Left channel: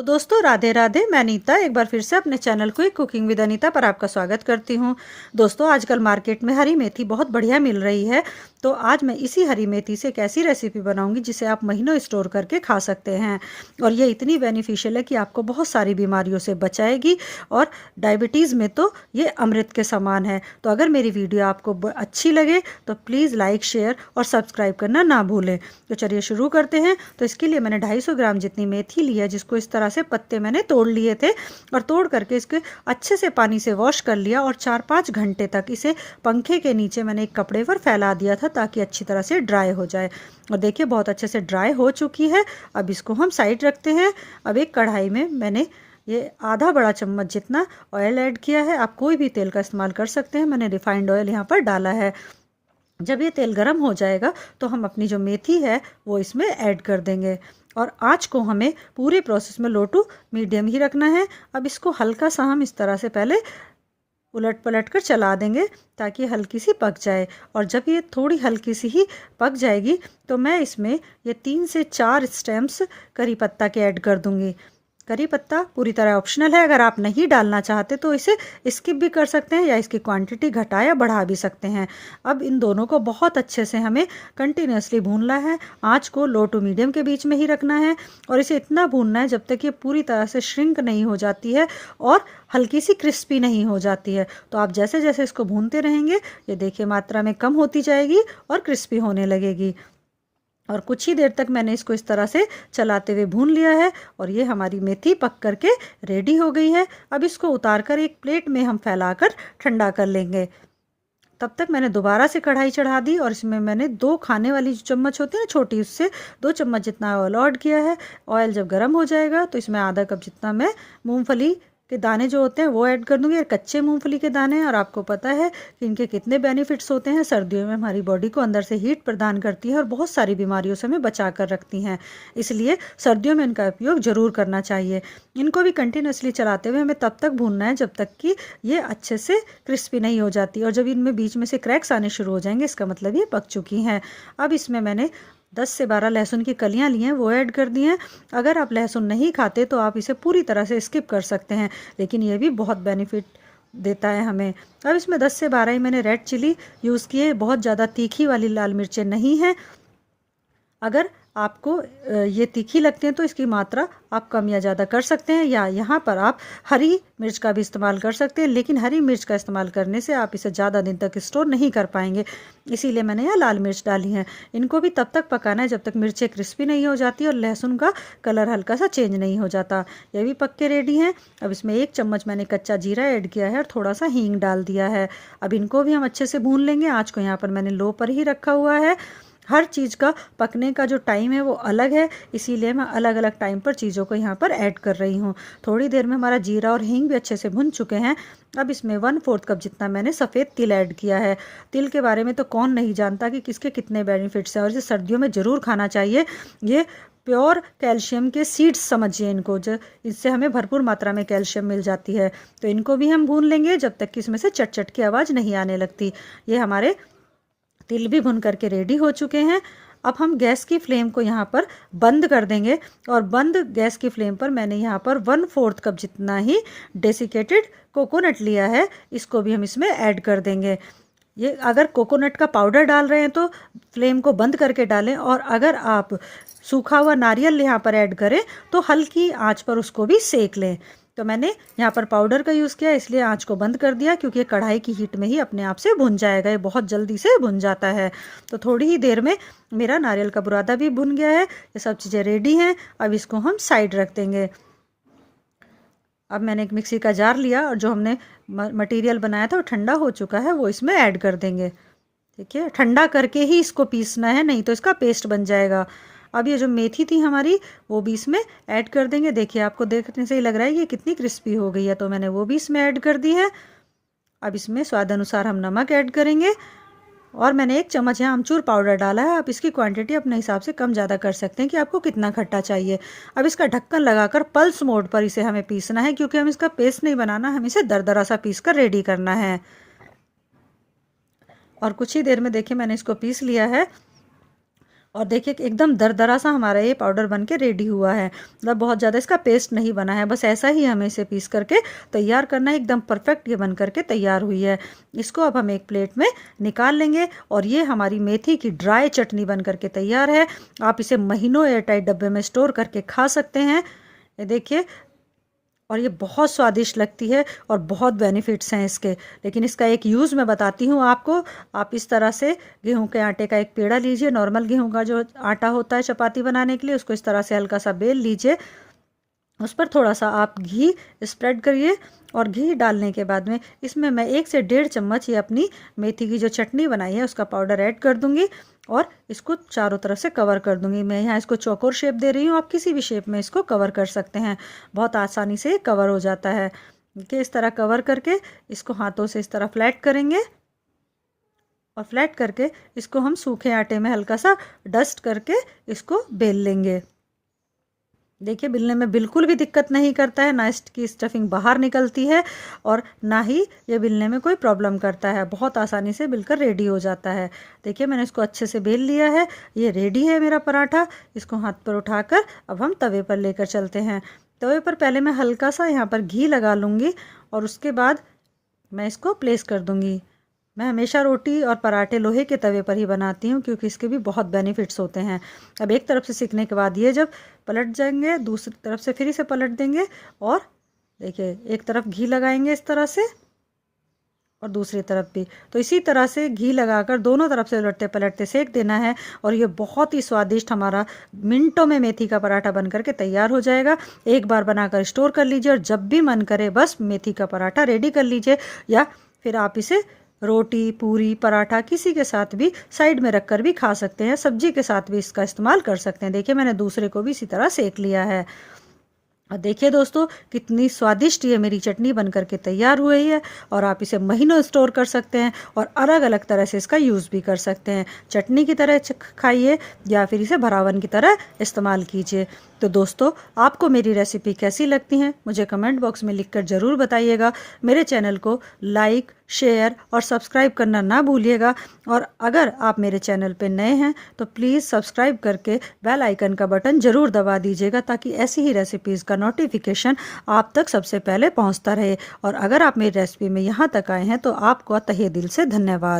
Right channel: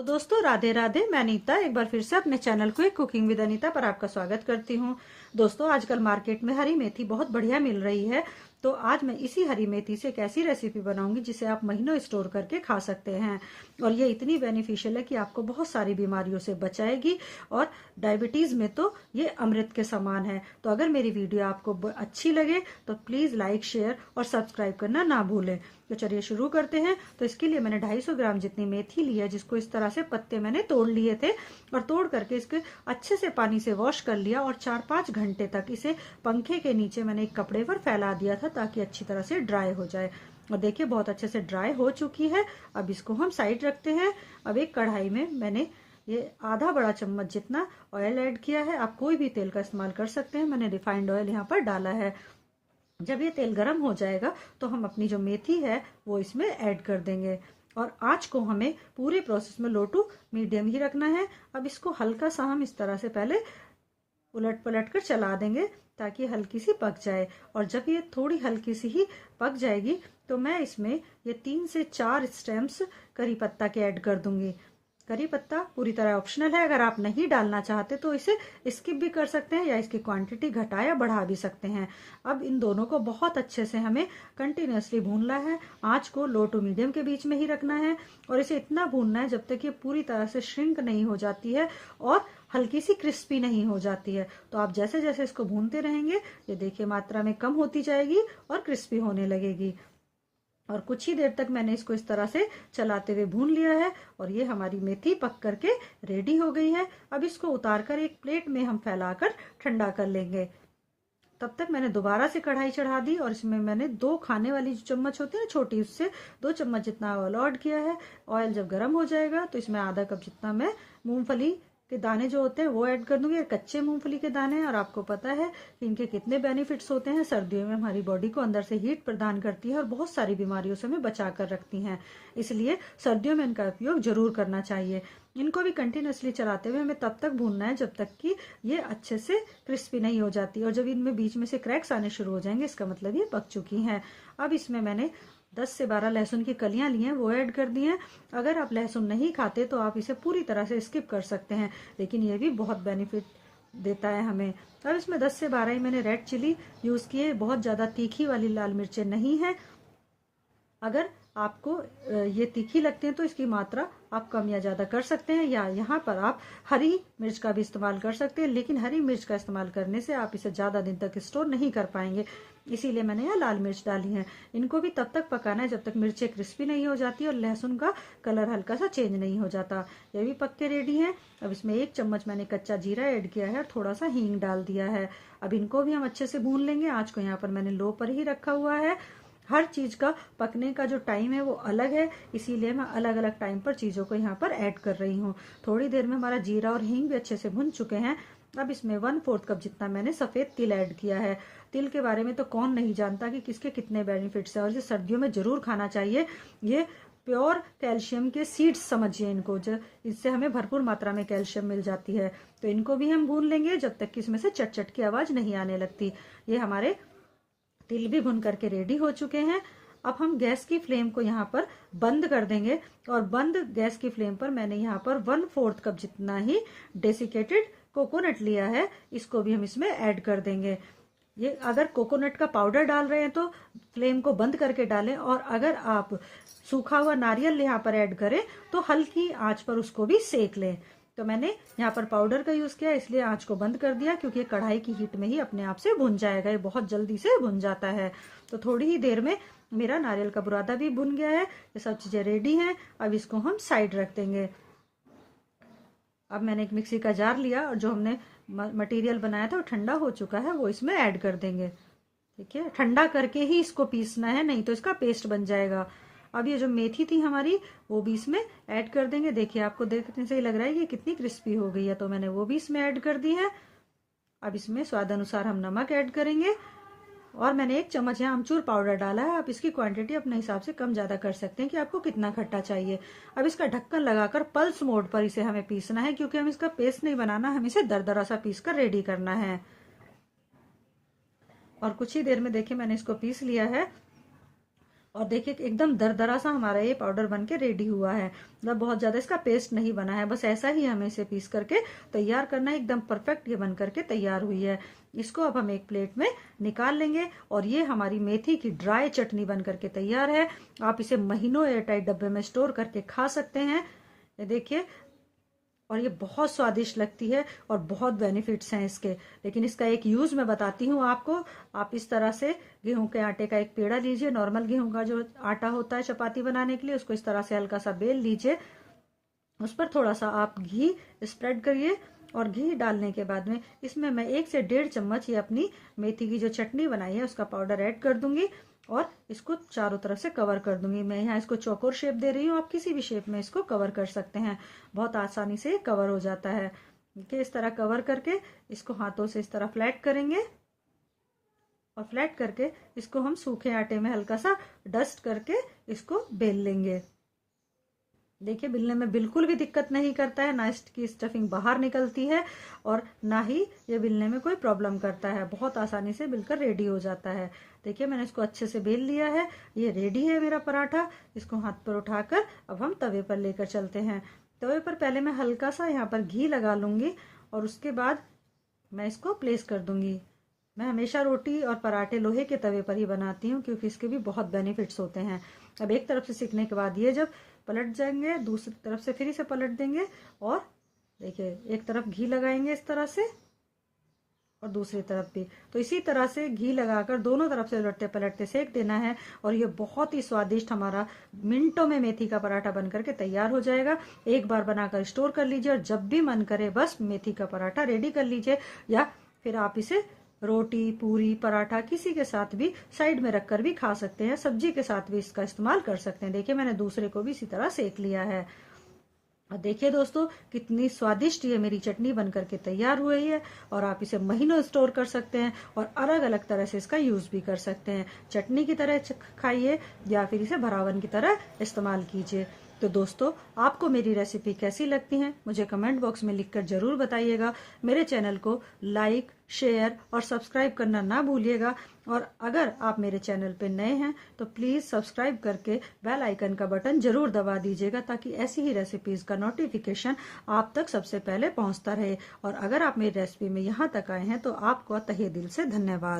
तो दोस्तों राधे राधे। मैं अनीता एक बार फिर से अपने channel quick cooking with Anita पर आपका स्वागत करती हूँ। दोस्तों आजकल मार्केट में हरी मेथी बहुत बढ़िया मिल रही है। तो आज मैं इसी हरी मेथी से एक ऐसी रेसिपी बनाऊंगी जिसे आप महीनों स्टोर करके खा सकते हैं। और ये इतनी बेनिफिशियल है कि आपको बहुत सारी बीमारियों से बचाएगी। और डायबिटीज़ में तो ये अमृत के समान है। तो अगर मेरी वीडियो आपको अच्छी लगे तो प्लीज़ लाइक शेयर और सब्सक्राइब करना ना भूलें। तो चलिए शुरू करते हैं। तो इसके लिए मैंने 250 ग्राम जितनी मेथी ली है, जिसको इस तरह से पत्ते मैंने तोड़ लिए थे और तोड़ करके इसके अच्छे से पानी से वॉश कर लिया और 4-5 घंटे तक इसे पंखे के नीचे मैंने एक कपड़े पर फैला दिया था ताकि अच्छी तरह से ड्राई हो जाए। और देखिए बहुत अच्छे से ड्राई हो चुकी है। अब इसको हम साइड रखते हैं। अब एक कढ़ाई में मैंने ये आधा बड़ा चम्मच जितना ऑयल ऐड किया है। आप कोई भी तेल का इस्तेमाल कर सकते हैं। मैंने रिफाइंड ऑयल यहाँ पर डाला है। जब ये तेल गर्म हो जाएगा तो हम अपनी जो मेथी है वो इसमें ऐड कर देंगे। और आँच को हमें पूरे प्रोसेस में लो टू मीडियम ही रखना है। अब इसको हल्का सा हम इस तरह से पहले उलट पलट कर चला देंगे ताकि हल्की सी पक जाए। और जब ये थोड़ी हल्की सी ही पक जाएगी तो मैं इसमें ये 3 से 4 स्टेम्स करी पत्ता के ऐड कर दूंगी। करी पत्ता पूरी तरह ऑप्शनल है। अगर आप नहीं डालना चाहते तो इसे स्किप भी कर सकते हैं या इसकी क्वांटिटी घटा या बढ़ा भी सकते हैं। अब इन दोनों को बहुत अच्छे से हमें कंटिन्यूसली भूनना है। आँच को लो टू मीडियम के बीच में ही रखना है और इसे इतना भूनना है जब तक ये पूरी तरह से श्रिंक नहीं हो जाती है और हल्की सी क्रिस्पी नहीं हो जाती है। तो आप जैसे जैसे इसको भूनते रहेंगे ये देखिए मात्रा में कम होती जाएगी और क्रिस्पी होने लगेगी। और कुछ ही देर तक मैंने इसको इस तरह से चलाते हुए भून लिया है और ये हमारी मेथी पक करके रेडी हो गई है। अब इसको उतार कर एक प्लेट में हम फैलाकर ठंडा कर लेंगे। तब तक मैंने दोबारा से कढ़ाई चढ़ा दी और इसमें मैंने 2 खाने वाली जो चम्मच होती है ना छोटी, उससे 2 चम्मच जितना ऑयल ऐड किया है। ऑयल जब गर्म हो जाएगा तो इसमें आधा कप जितना मैं मूंगफली के दाने जो होते हैं वो ऐड कर दूंगी। और कच्चे मूंगफली के दाने हैं और आपको पता है कि इनके कितने बेनिफिट्स होते हैं। सर्दियों में हमारी बॉडी को अंदर से हीट प्रदान करती है और बहुत सारी बीमारियों से हमें बचा कर रखती हैं। इसलिए सर्दियों में इनका उपयोग ज़रूर करना चाहिए। इनको भी कंटिन्यूसली चलाते हुए हमें तब तक भूनना है जब तक कि ये अच्छे से क्रिस्पी नहीं हो जाती। और जब इनमें बीच में से क्रैक्स आने शुरू हो जाएंगे इसका मतलब ये पक चुकी हैं। अब इसमें मैंने 10 से 12 लहसुन की कलियां ली हैं वो ऐड कर दी हैं। अगर आप लहसुन नहीं खाते तो आप इसे पूरी तरह से स्किप कर सकते हैं, लेकिन ये भी बहुत बेनिफिट देता है हमें। अब इसमें 10 से 12 ही मैंने रेड चिली यूज़ किए। बहुत ज़्यादा तीखी वाली लाल मिर्चें नहीं हैं। अगर आपको ये तीखी लगती हैं तो इसकी मात्रा आप कम या ज़्यादा कर सकते हैं, या यहाँ पर आप हरी मिर्च का भी इस्तेमाल कर सकते हैं। लेकिन हरी मिर्च का इस्तेमाल करने से आप इसे ज़्यादा दिन तक स्टोर नहीं कर पाएंगे, इसीलिए मैंने यहाँ लाल मिर्च डाली है। इनको भी तब तक पकाना है जब तक मिर्चें क्रिस्पी नहीं हो जाती और लहसुन का कलर हल्का सा चेंज नहीं हो जाता। ये भी पक के रेडी हैं। अब इसमें 1 चम्मच मैंने कच्चा जीरा ऐड किया है और थोड़ा सा हींग डाल दिया है। अब इनको भी हम अच्छे से भून लेंगे। आँच को यहाँ पर मैंने लो पर ही रखा हुआ है। हर चीज़ का पकने का जो टाइम है वो अलग है, इसीलिए मैं अलग अलग टाइम पर चीज़ों को यहाँ पर ऐड कर रही हूँ। थोड़ी देर में हमारा जीरा और हींग भी अच्छे से भुन चुके हैं। अब इसमें 1/4 कप जितना मैंने सफ़ेद तिल ऐड किया है। तिल के बारे में तो कौन नहीं जानता कि किसके कितने बेनिफिट्स हैं, और इसे सर्दियों में ज़रूर खाना चाहिए। ये प्योर कैल्शियम के सीड्स समझिए इनको, जो इससे हमें भरपूर मात्रा में कैल्शियम मिल जाती है। तो इनको भी हम भून लेंगे जब तक कि इसमें से चट चट की आवाज़ नहीं आने लगती। ये हमारे तिल भी भुन करके रेडी हो चुके हैं। अब हम गैस की फ्लेम को यहाँ पर बंद कर देंगे और बंद गैस की फ्लेम पर मैंने यहाँ पर 1/4 कप जितना ही डेसिकेटेड कोकोनट लिया है। इसको भी हम इसमें ऐड कर देंगे। ये अगर कोकोनट का पाउडर डाल रहे हैं तो फ्लेम को बंद करके डालें, और अगर आप सूखा हुआ नारियल यहाँ पर ऐड करें तो हल्की आंच पर उसको भी सेक लें। तो मैंने यहाँ पर पाउडर का यूज़ किया, इसलिए आंच को बंद कर दिया, क्योंकि कढ़ाई की हीट में ही अपने आप से भुन जाएगा। ये बहुत जल्दी से भुन जाता है। तो थोड़ी ही देर में मेरा नारियल का बुरादा भी भुन गया है। ये सब चीज़ें रेडी हैं। अब इसको हम साइड रख देंगे। अब मैंने एक मिक्सी का जार लिया और जो हमने मटेरियल बनाया था वो ठंडा हो चुका है, वो इसमें ऐड कर देंगे। ठीक है, ठंडा करके ही इसको पीसना है, नहीं तो इसका पेस्ट बन जाएगा। अब ये जो मेथी थी हमारी वो भी इसमें ऐड कर देंगे। देखिए आपको देखने से ही लग रहा है कि ये कितनी क्रिस्पी हो गई है, तो मैंने वो भी इसमें ऐड कर दी है। अब इसमें स्वाद अनुसार हम नमक ऐड करेंगे और मैंने 1 चम्मच यहाँ अमचूर पाउडर डाला है। आप इसकी क्वांटिटी अपने हिसाब से कम ज़्यादा कर सकते हैं कि आपको कितना खट्टा चाहिए। अब इसका ढक्कन लगाकर पल्स मोड पर इसे हमें पीसना है, क्योंकि हम इसका पेस्ट नहीं बनाना, हम इसे दरदरा सा पीस कर रेडी करना है। और कुछ ही देर में देखिए मैंने इसको पीस लिया है और देखिए कि एकदम दरदरा सा हमारा ये पाउडर बन के रेडी हुआ है। मतलब बहुत ज़्यादा इसका पेस्ट नहीं बना है, बस ऐसा ही हमें इसे पीस करके तैयार करना है। एकदम परफेक्ट ये बन करके तैयार हुई है। इसको अब हम एक प्लेट में निकाल लेंगे और ये हमारी मेथी की ड्राई चटनी बन करके तैयार है। आप इसे महीनों एयरटाइट डब्बे में स्टोर करके खा सकते हैं। ये देखिए, और ये बहुत स्वादिष्ट लगती है और बहुत बेनिफिट्स हैं इसके। लेकिन इसका एक यूज़ मैं बताती हूँ आपको। आप इस तरह से गेहूं के आटे का एक पेड़ा लीजिए, नॉर्मल गेहूं का जो आटा होता है चपाती बनाने के लिए, उसको इस तरह से हल्का सा बेल लीजिए। उस पर थोड़ा सा आप घी स्प्रेड करिए और घी डालने के बाद में इसमें मैं 1 से 1.5 चम्मच ये अपनी मेथी की जो चटनी बनाई है उसका पाउडर ऐड कर दूंगी और इसको चारों तरफ से कवर कर दूंगी। मैं यहाँ इसको चौकोर शेप दे रही हूँ, आप किसी भी शेप में इसको कवर कर सकते हैं। बहुत आसानी से कवर हो जाता है। कि इस तरह कवर करके इसको हाथों से इस तरह फ्लैट करेंगे और फ्लैट करके इसको हम सूखे आटे में हल्का सा डस्ट करके इसको बेल लेंगे। देखिए, बिलने में बिल्कुल भी दिक्कत नहीं करता है, ना इसकी स्टफिंग बाहर निकलती है और ना ही ये बिलने में कोई प्रॉब्लम करता है। बहुत आसानी से बिलकर रेडी हो जाता है। देखिए, मैंने इसको अच्छे से बेल लिया है। ये रेडी है मेरा पराठा। इसको हाथ पर उठाकर अब हम तवे पर लेकर चलते हैं। तवे पर पहले मैं हल्का सा यहाँ पर घी लगा लूँगी और उसके बाद मैं इसको प्लेस कर दूँगी। मैं हमेशा रोटी और पराठे लोहे के तवे पर ही बनाती हूँ क्योंकि इसके भी बहुत बेनिफिट्स होते हैं। अब एक तरफ से सिकने के बाद ये जब पलट जाएंगे, दूसरी तरफ से फिर इसे पलट देंगे और देखिए एक तरफ घी लगाएंगे इस तरह से और दूसरी तरफ भी। तो इसी तरह से घी लगाकर दोनों तरफ से उलटते पलटते सेक देना है और ये बहुत ही स्वादिष्ट हमारा मिनटों में मेथी का पराठा बन करके तैयार हो जाएगा। एक बार बनाकर स्टोर कर लीजिए और जब भी मन करे बस मेथी का पराठा रेडी कर लीजिए, या फिर आप इसे रोटी, पूरी, पराठा किसी के साथ भी साइड में रखकर भी खा सकते हैं। सब्जी के साथ भी इसका इस्तेमाल कर सकते हैं। देखिए, मैंने दूसरे को भी इसी तरह सेक लिया है। और देखिए दोस्तों, कितनी स्वादिष्ट ये मेरी चटनी बन करके तैयार हुई है और आप इसे महीनों स्टोर कर सकते हैं और अलग अलग तरह से इसका यूज़ भी कर सकते हैं। चटनी की तरह खाइए या फिर इसे भरावन की तरह इस्तेमाल कीजिए। तो दोस्तों, आपको मेरी रेसिपी कैसी लगती हैं मुझे कमेंट बॉक्स में लिखकर ज़रूर बताइएगा। मेरे चैनल को लाइक, शेयर और सब्सक्राइब करना ना भूलिएगा। और अगर आप मेरे चैनल पर नए हैं तो प्लीज़ सब्सक्राइब करके बेल आइकन का बटन ज़रूर दबा दीजिएगा ताकि ऐसी ही रेसिपीज़ का नोटिफिकेशन आप तक सबसे पहले पहुंचता रहे। और अगर आप मेरी रेसिपी में यहाँ तक आए हैं तो आपको तहे दिल से धन्यवाद।